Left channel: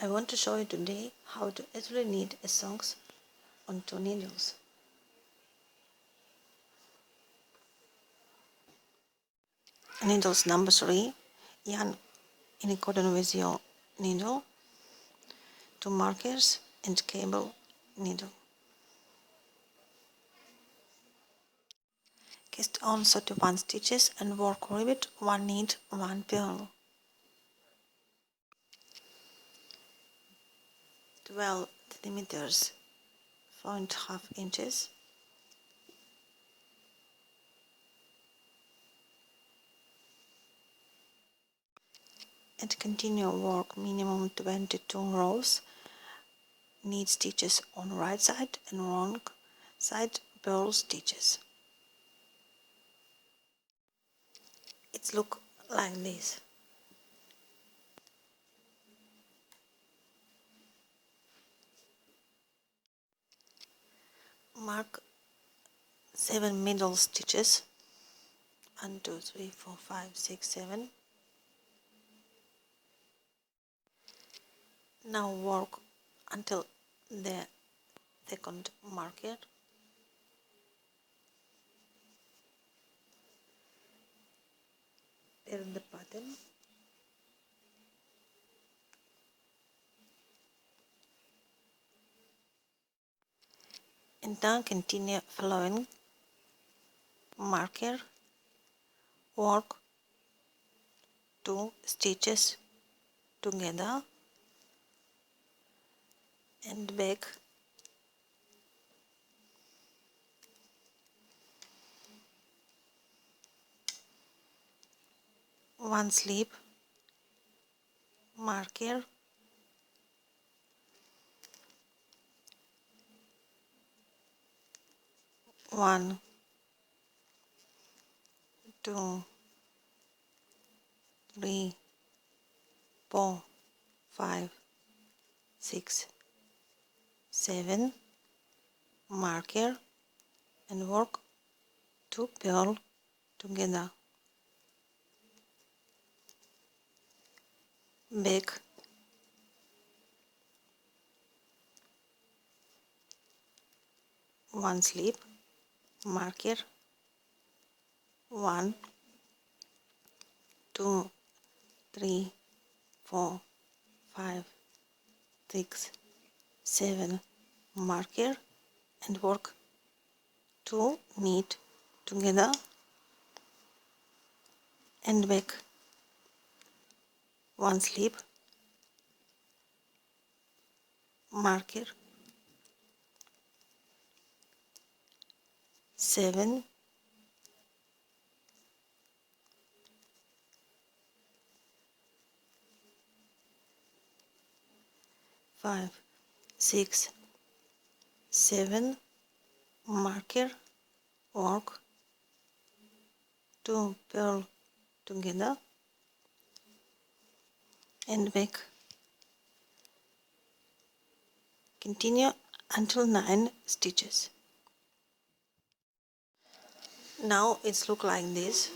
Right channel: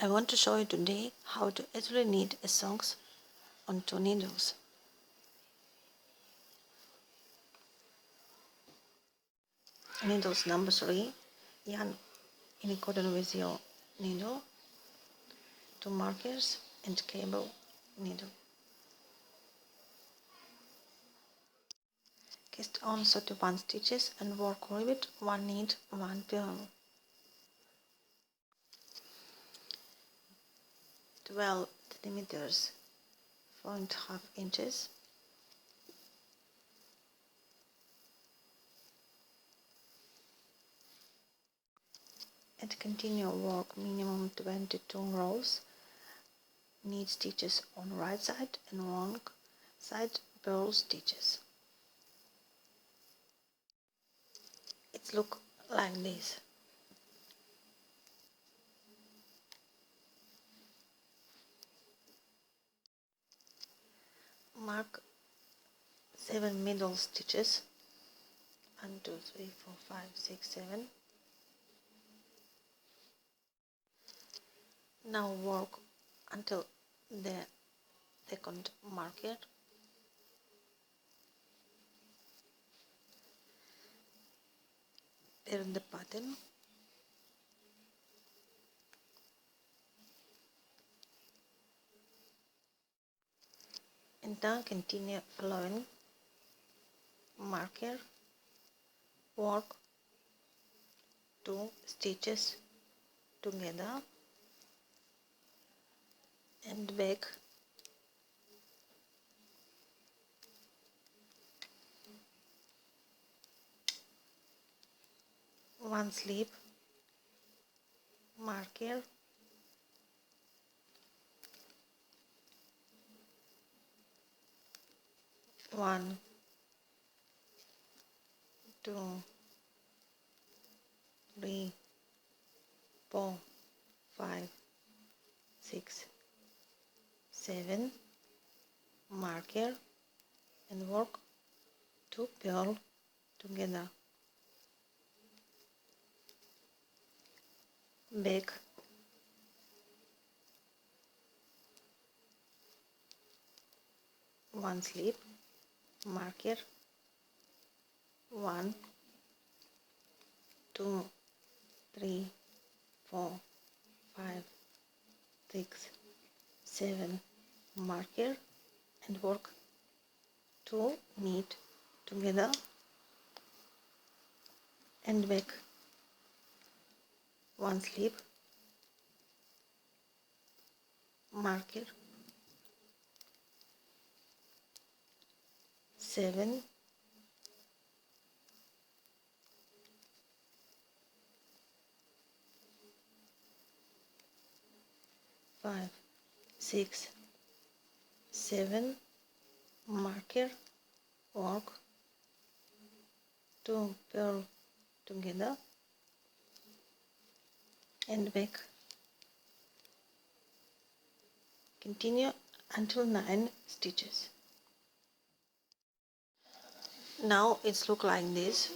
I want to show you today how to easily knit a socks on 2 needles. Needles number 3, yarn in accordance with your needle, 2 markers and cable needle. Cast on 31 stitches and work rivet 1 knit, 1 purl. 12 centimeters, 4.5 inches. And continue work minimum 22 rows. Knit stitches on right side and wrong side purl stitches. It looks like this. Mark 7 middle stitches. 1, 2, 3, 4, 5, 6, 7. Now work until the second marker. Turn the pattern. And then continue following marker. Work 2 stitches together and back. One slip marker, one, 2, 3, 4, 5, 6, 7 marker and work 2 purl together. Back, one slip marker, 1, 2, 3, 4, 5, 6, 7 marker and work 2 knit together and back, one slip marker, 7 5, 6, 7 marker, work 2 purl together and back. Continue until 9 stitches. Now it's look like this.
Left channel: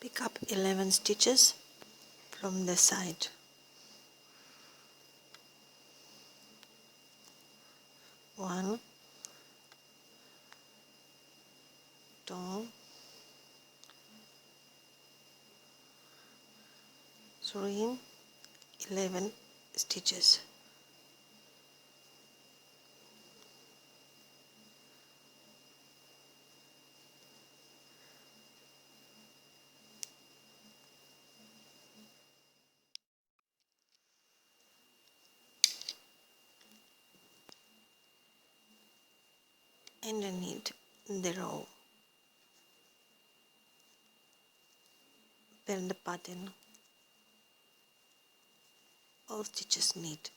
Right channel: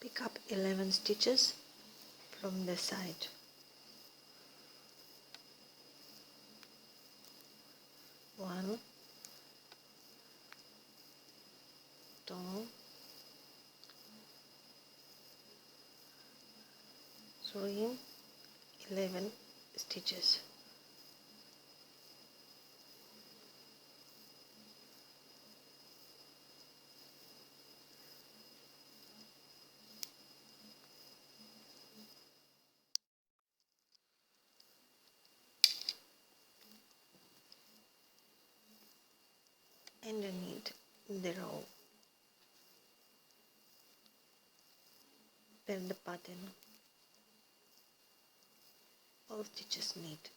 Pick up 11 stitches from the side. 1, 2, 3, 11 stitches. And you need the row. Turn the pattern. All stitches knit.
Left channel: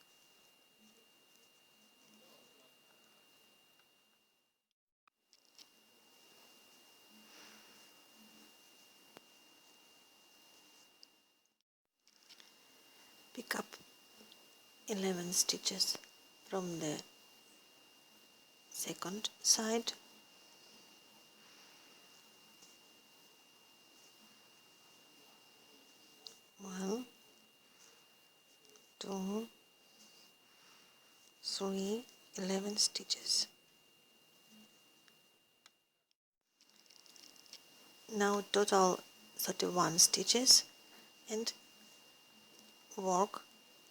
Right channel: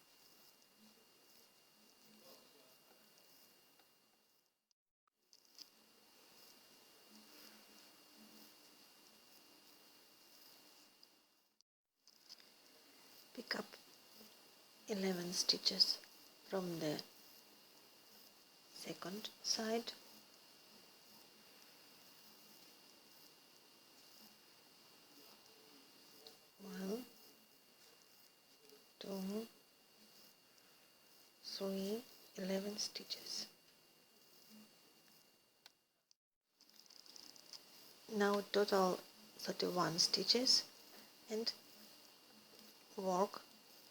Pick up 11 stitches from the second side. 1, 2, 3, 11 stitches. Now total 31 stitches and work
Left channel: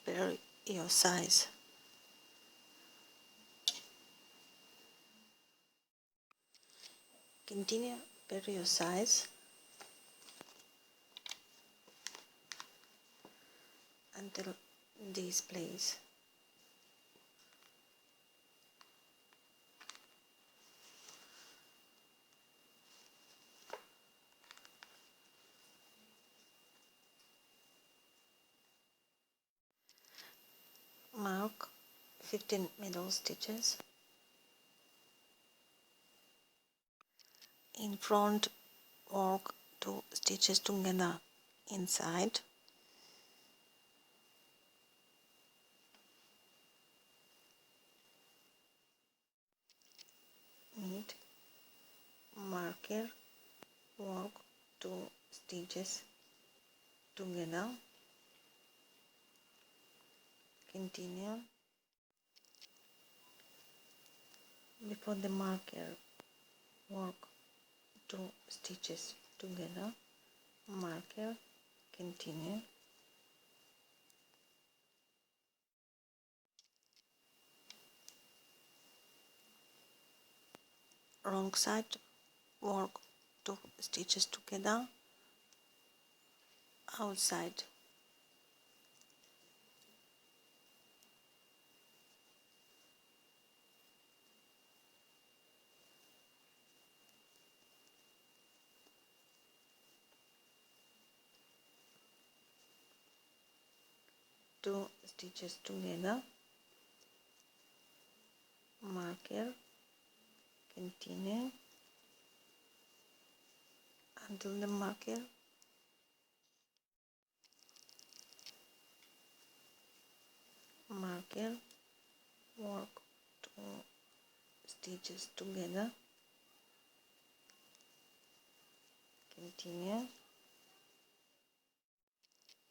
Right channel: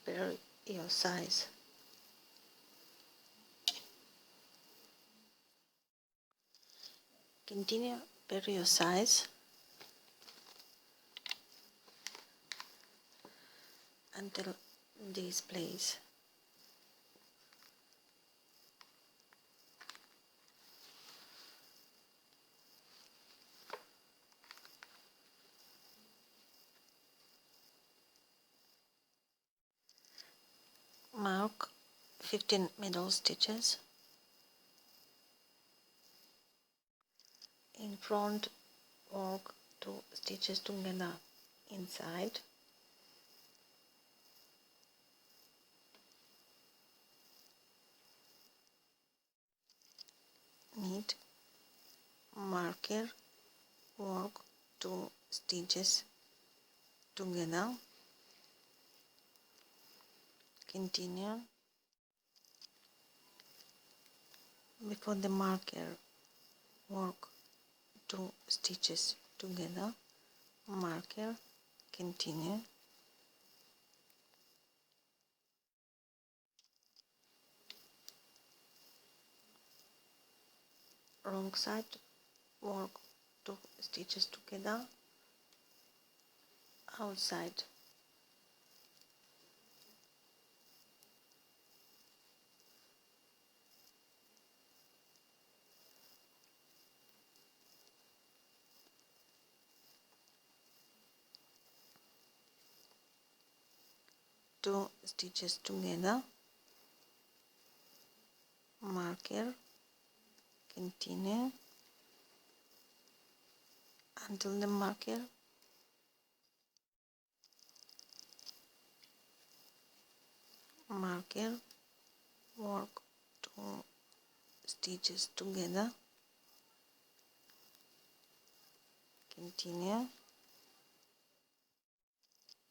per your size. Continue per your size until this place. Mark 15 middle stitches. In front, work 2 stitches together inside. Knit, marker, work 2 stitches together. Continue. Before the marker, work 2 stitches together, marker, continue. Wrong side, work 2 stitches together, outside. Two stitches together, marker, continue until the marker, marker, work 2 stitches together, continue,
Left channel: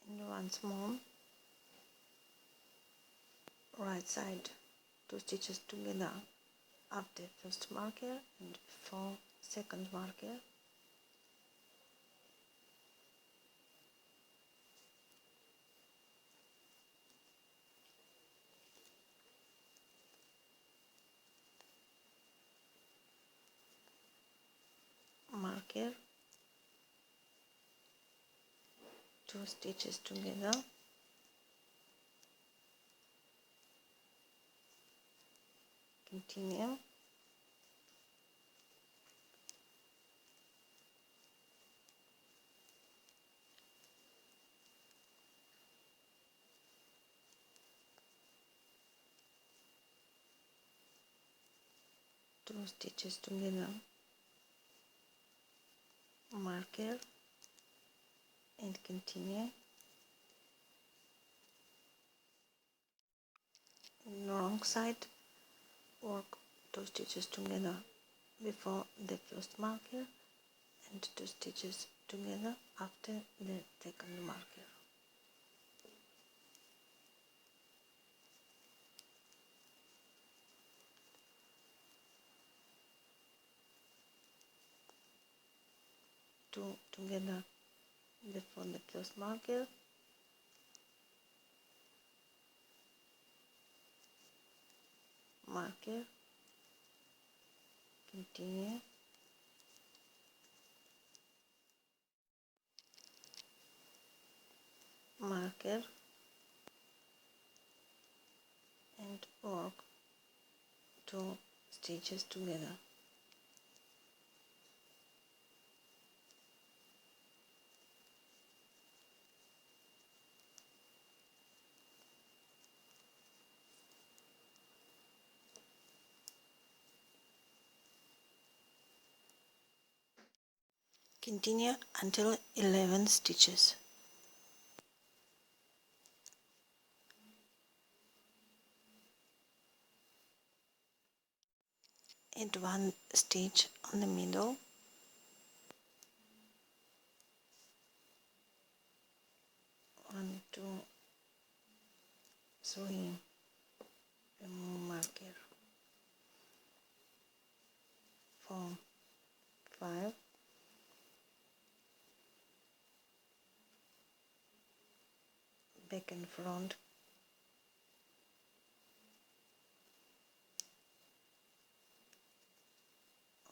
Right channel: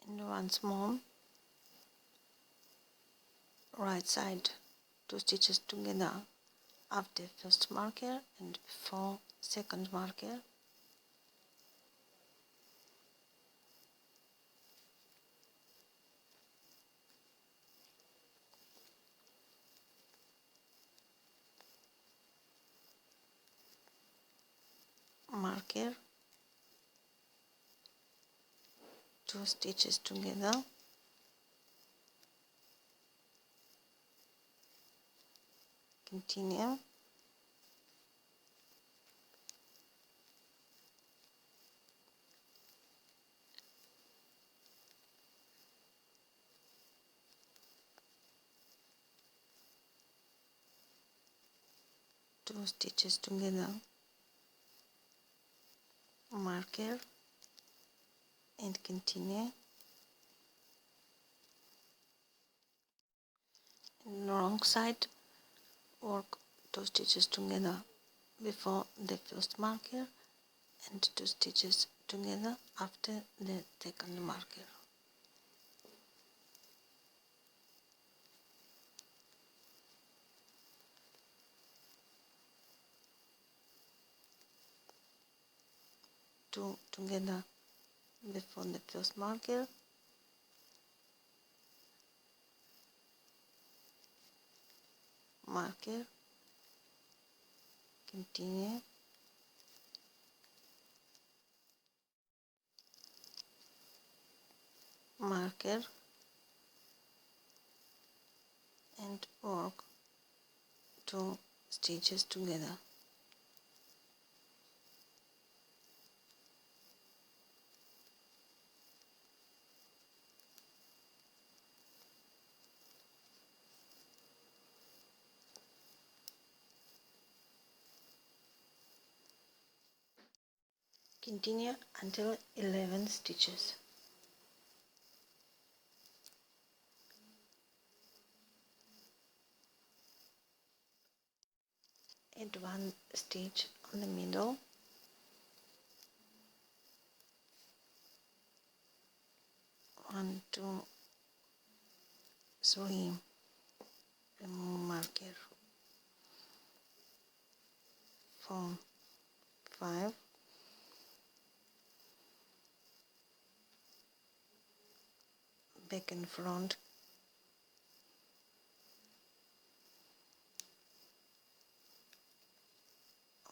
and once more, right side 2 stitches together after first marker and before second marker. Marker, 2 stitches together, continue, two stitches together, marker, and continue. In the wrong side, work 2 stitches together before the first marker and 2 stitches together after the second marker. Two together before the first marker, marker, continue, marker, and work 2 stitches together. Continue until 11 stitches. Add 1 stitch on the middle, 1, 2, 3, remove marker, 4, 5, back and front,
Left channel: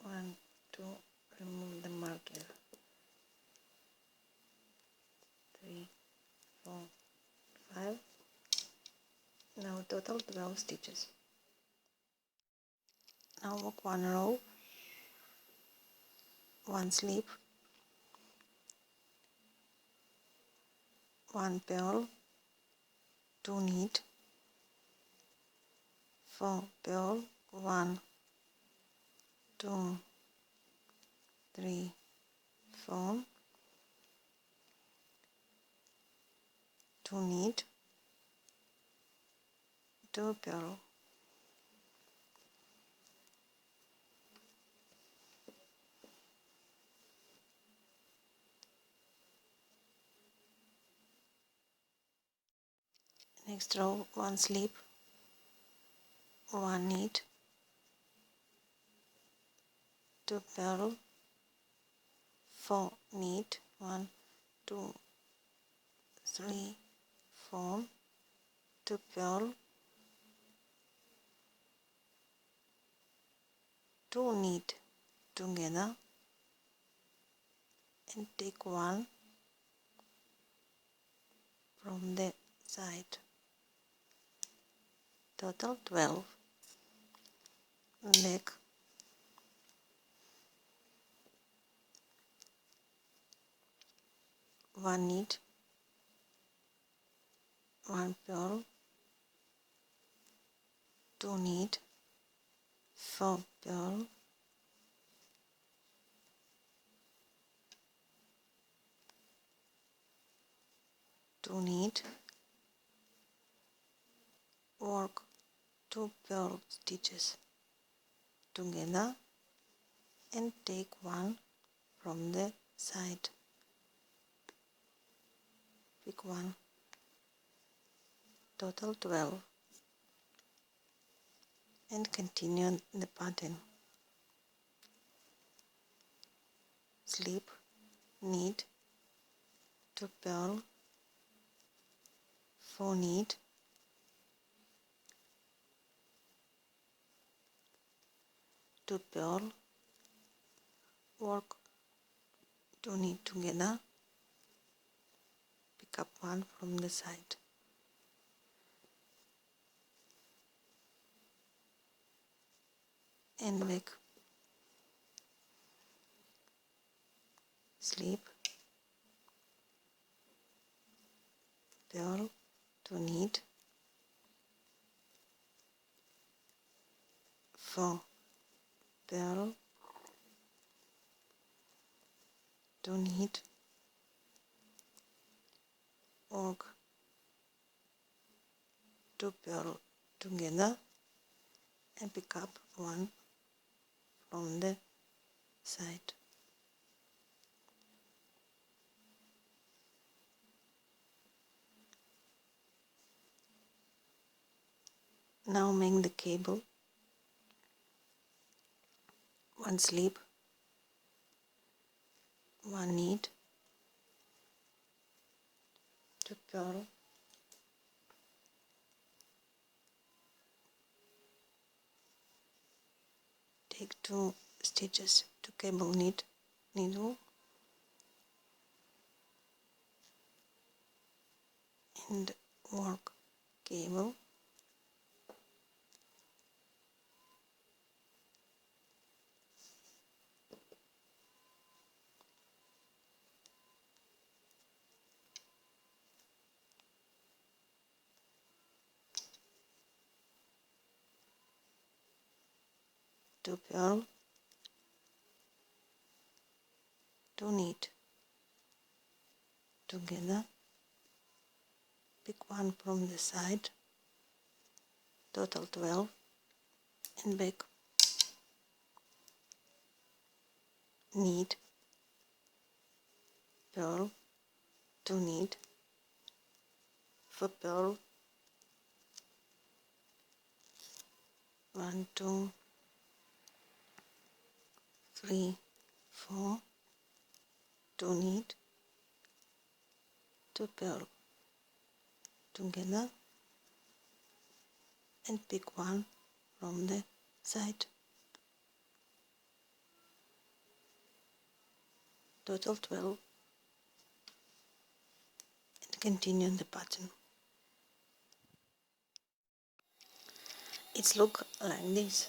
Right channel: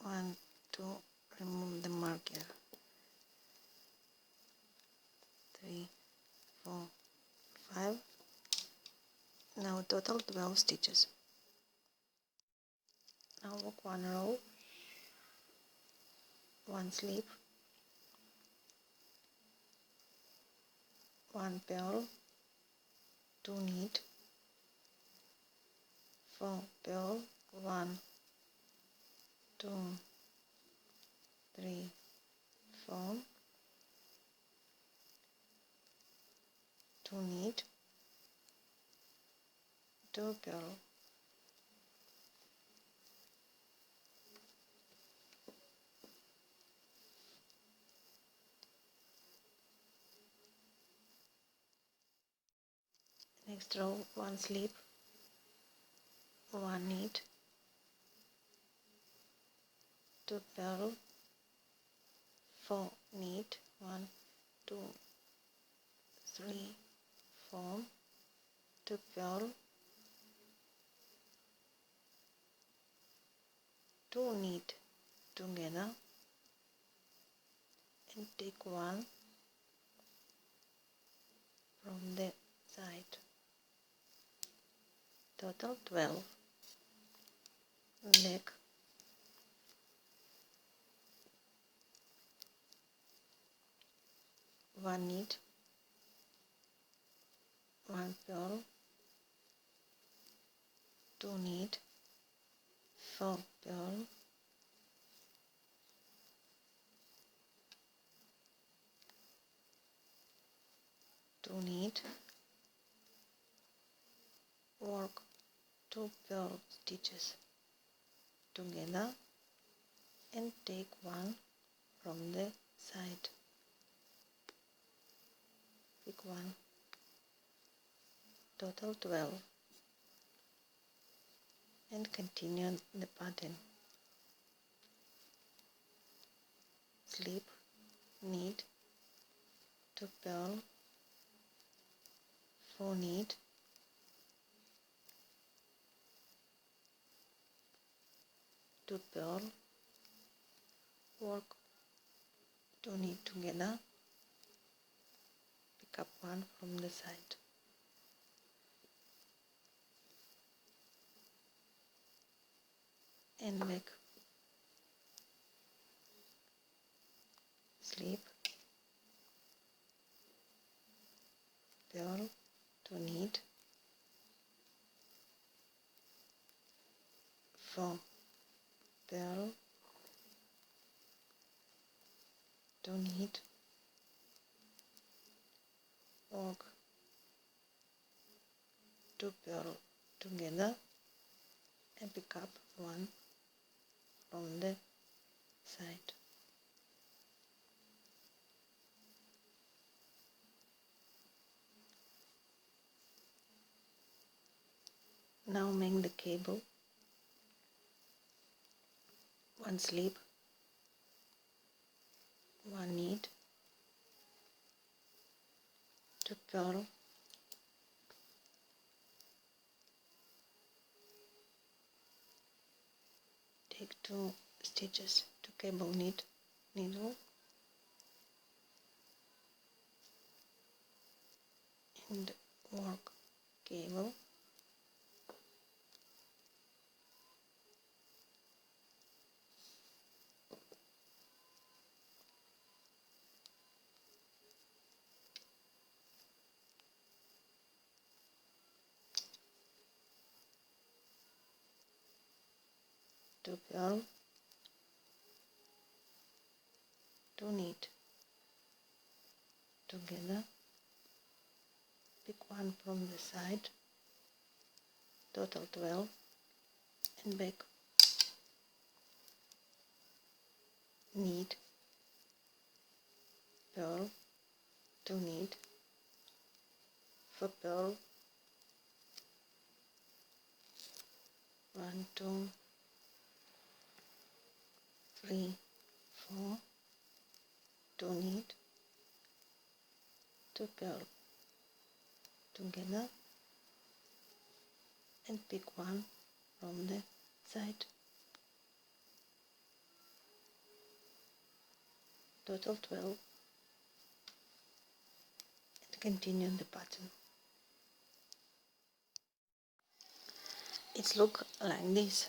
1, 2, remove the marker, 3, 4, 5. Now total 12 stitches. Now work 1 row, 1 slip, 1 purl, 2 knit, 4 purl, 1, 2, 3, 4, 2 knit, 2 purl. Next row 1 slip, 1 knit, 2 purl, 4 knit, 1, 2, 3, 4, 2 purl, 2 knit together and take 1 from the side. Total 12. Back, 1 knit, 1 purl, 2 knit, 4 purl, 2 knit, work 2 purl stitches together and take 1 from the side. Pick 1. Total 12. And continue the pattern. Slip, knit, 2 purl, 4 knit, 2 purl, work 2 knit together, pick up 1 from the side. And back, slip, purl, 2 knit, 4 purl, 2 knit, work 2 purl together and pick up 1 from the side. Now make the cable. 1 slip, 1 knit, 2 purl, take 2 stitches to cable knit needle and work cable, two purl, 2 knit together, pick 1 from the side, total 12, and back, knit, purl, 2 knit, a pearl. 1, 2, 3, 4. Don't need 2 pearl together and pick one from the side. Total 12 and continue the pattern. It's look like this.